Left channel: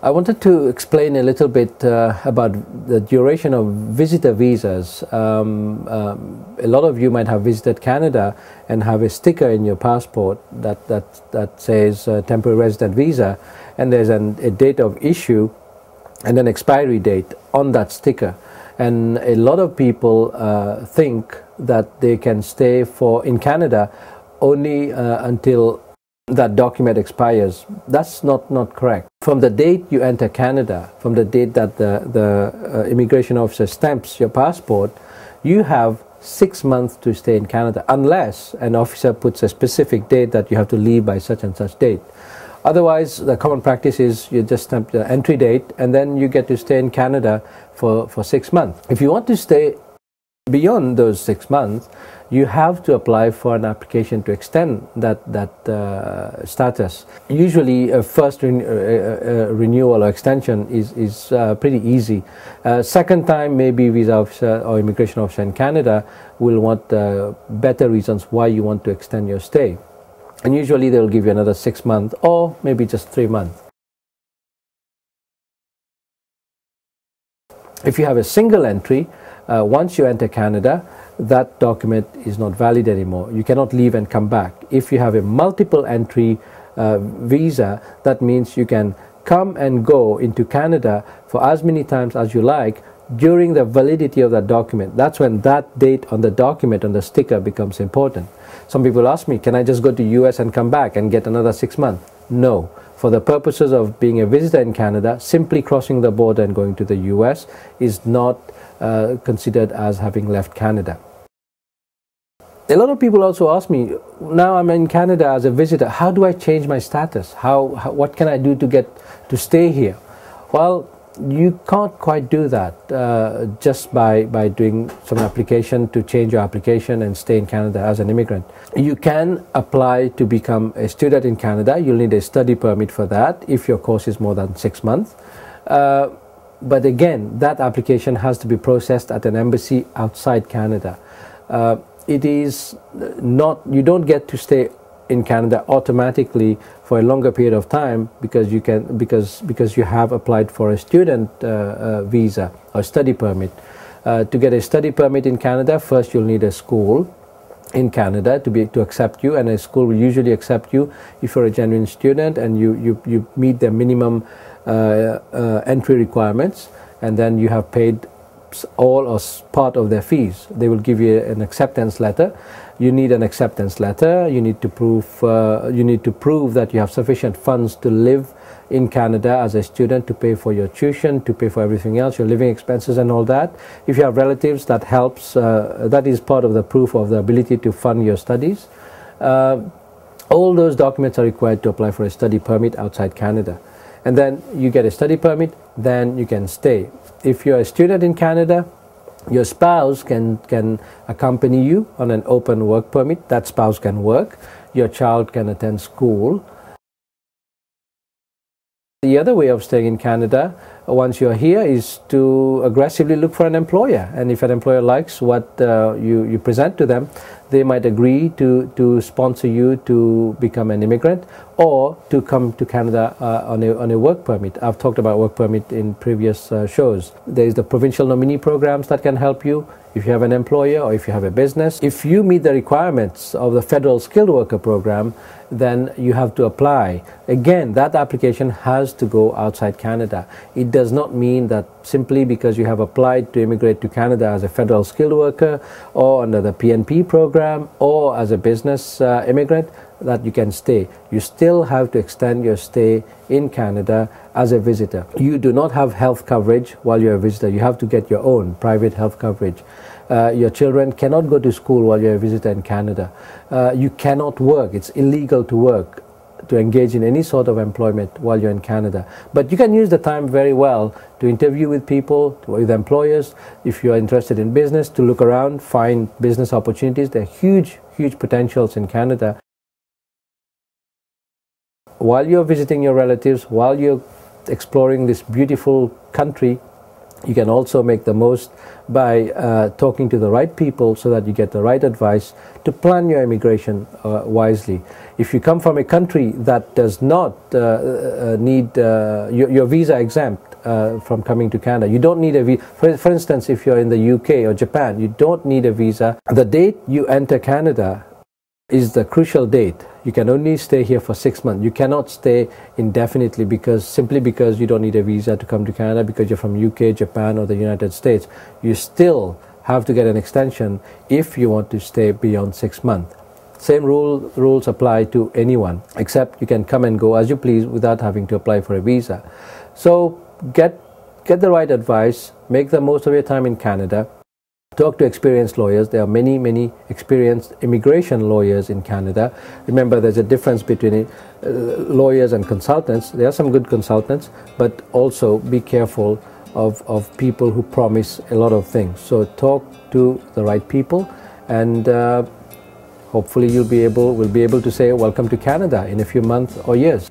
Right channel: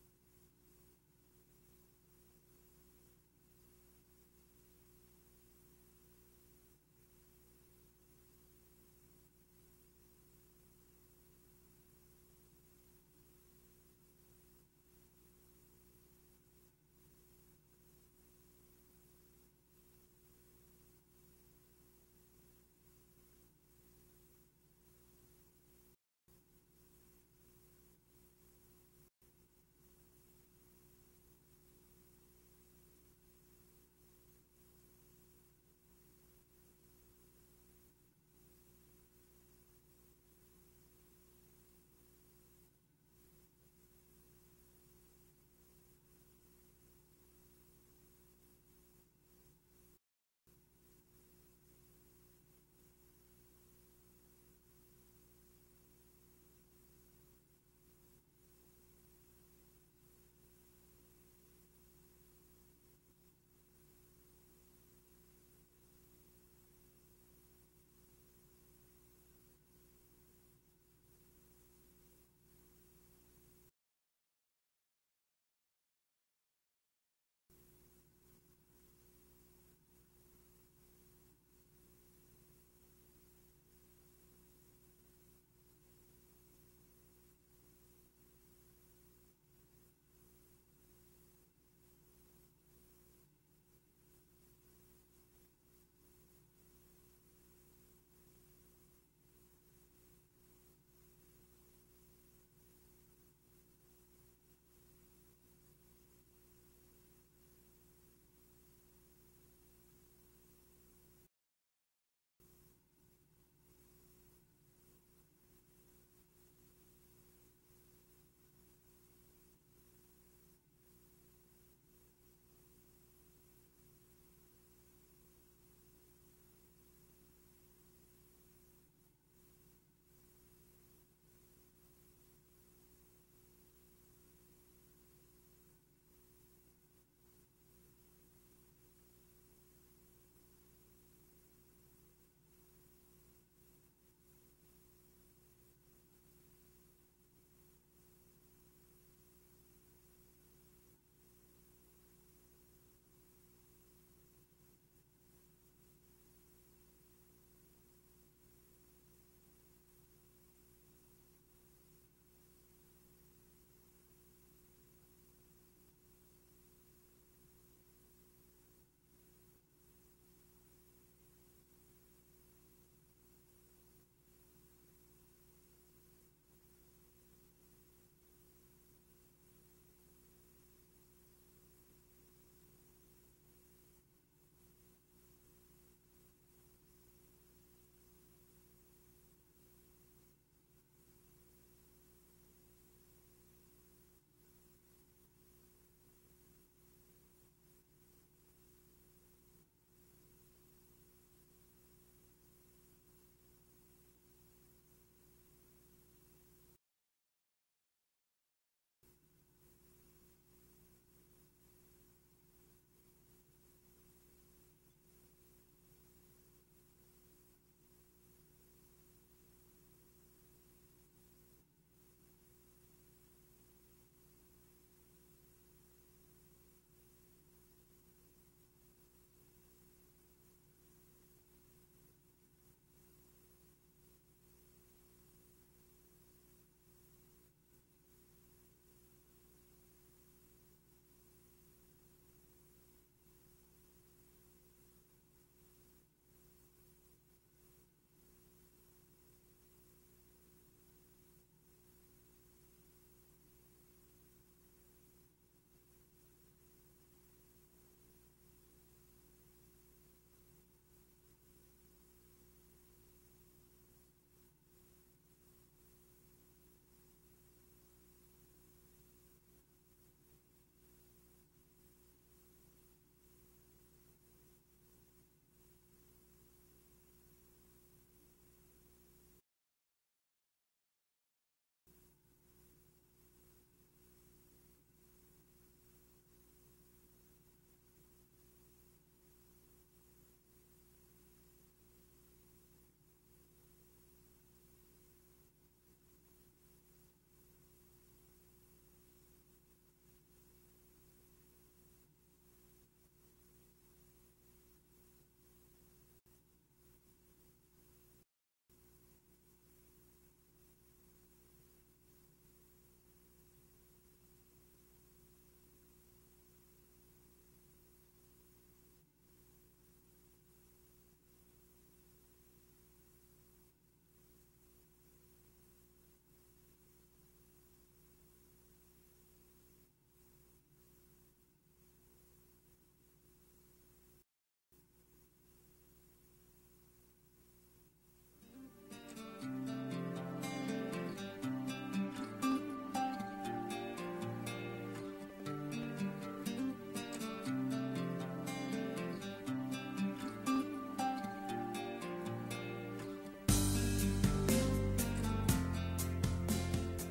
I wanted to explain a little bit about the duration of visitor visas. A lot of you might have visited Canada and have a sticker in your passport that says temporary resident visa, and there's a date of issue and an expiry date on that sticker. And a lot of people think that they can stay in Canada only until that document expires. That's not correct. From the date you enter Canada, from the date that the immigration officer stamps your passport, you have 6 months to stay in Canada, unless an officer puts a specific date that you have to leave by such and such date. Otherwise, the common practice is you just stamp the entry date and then you get to stay in Canada for 6 months. If you want to stay beyond those 6 months, you have to apply for an application to extend that status. Usually a first renewal or extension is pretty easy. Second time, maybe visa officer or immigration officer in Canada will want better reasons why you want to extend your stay. And usually they'll give you another 6 months or maybe just 3 months. If you have a single entry, once you enter Canada, that document is not valid anymore. You cannot leave and come back. If you have a multiple entry visa, that means you can come and go into Canada for as many times as you like during the validity of that document. That's when that date on the document, on the sticker, becomes important. Some people ask me, can I just go to US and come back and get another 6 months? No. For the purposes of being a visitor in Canada, simply crossing the border and going to the US is not considered as having left Canada. A lot of people also ask me, now I'm in Canada as a visitor, how do I change my status? What can I do to stay here? Well, you can't quite do that just by doing some application to change your application and stay in Canada as an immigrant. You can apply to become a student in Canada. You'll need a study permit for that if your course is more than 6 months. But again, that application has to be processed at an embassy outside Canada. It is not, you don't get to stay in Canada automatically for a longer period of time because you have applied for a student visa or study permit. To get a study permit in Canada, first you'll need a school in Canada to accept you, and a school will usually accept you if you're a genuine student and you meet the minimum entry requirements, and then you have paid all or part of their fees. They will give you an acceptance letter. You need an acceptance letter. You need to prove that you have sufficient funds to live in Canada as a student, to pay for your tuition, to pay for everything else, your living expenses and all that. If you have relatives, that helps. That is part of the proof of the ability to fund your studies. All those documents are required to apply for a study permit outside Canada. And then you get a study permit, then you can stay. If you're a student in Canada, your spouse can accompany you on an open work permit. That spouse can work. Your child can attend school. The other way of staying in Canada, once you're here, is to aggressively look for an employer. And if an employer likes what you present to them, they might agree to sponsor you to become an immigrant or to come to Canada on a work permit. I've talked about work permit in previous shows. There is the provincial nominee programs that can help you if you have an employer or if you have a business. If you meet the requirements of the federal skilled worker program, then you have to apply. Again, that application has to go outside Canada. It does not mean that simply because you have applied to immigrate to Canada as a federal skilled worker or under the PNP program or as a business immigrant that you can stay. You still have to extend your stay in Canada as a visitor. You do not have health coverage while you're a visitor. You have to get your own private health coverage. Your children cannot go to school while you're a visitor in Canada. You cannot work. It's illegal to work, to engage in any sort of employment while you're in Canada. But you can use the time very well to interview with people, with employers. If you're interested in business, to look around, find business opportunities. There are huge, huge potentials in Canada. While you're visiting your relatives, while you're exploring this beautiful country, you can also make the most by talking to the right people so that you get the right advice to plan your immigration wisely. If you come from a country that does not need, you're visa exempt from coming to Canada. You don't need a visa. For instance, if you're in the UK or Japan, you don't need a visa. The date you enter Canada is the crucial date. You can only stay here for 6 months. You cannot stay indefinitely simply because you don't need a visa to come to Canada because you're from UK, Japan or the United States. You still have to get an extension if you want to stay beyond 6 months. Same rules apply to anyone, except you can come and go as you please without having to apply for a visa. So get the right advice, make the most of your time in Canada. Talk to experienced lawyers. There are many experienced immigration lawyers in Canada. Remember, there's a difference between lawyers and consultants. There are some good consultants, but also be careful of people who promise a lot of things. So talk to the right people, and hopefully we'll be able to say welcome to Canada in a few months or years.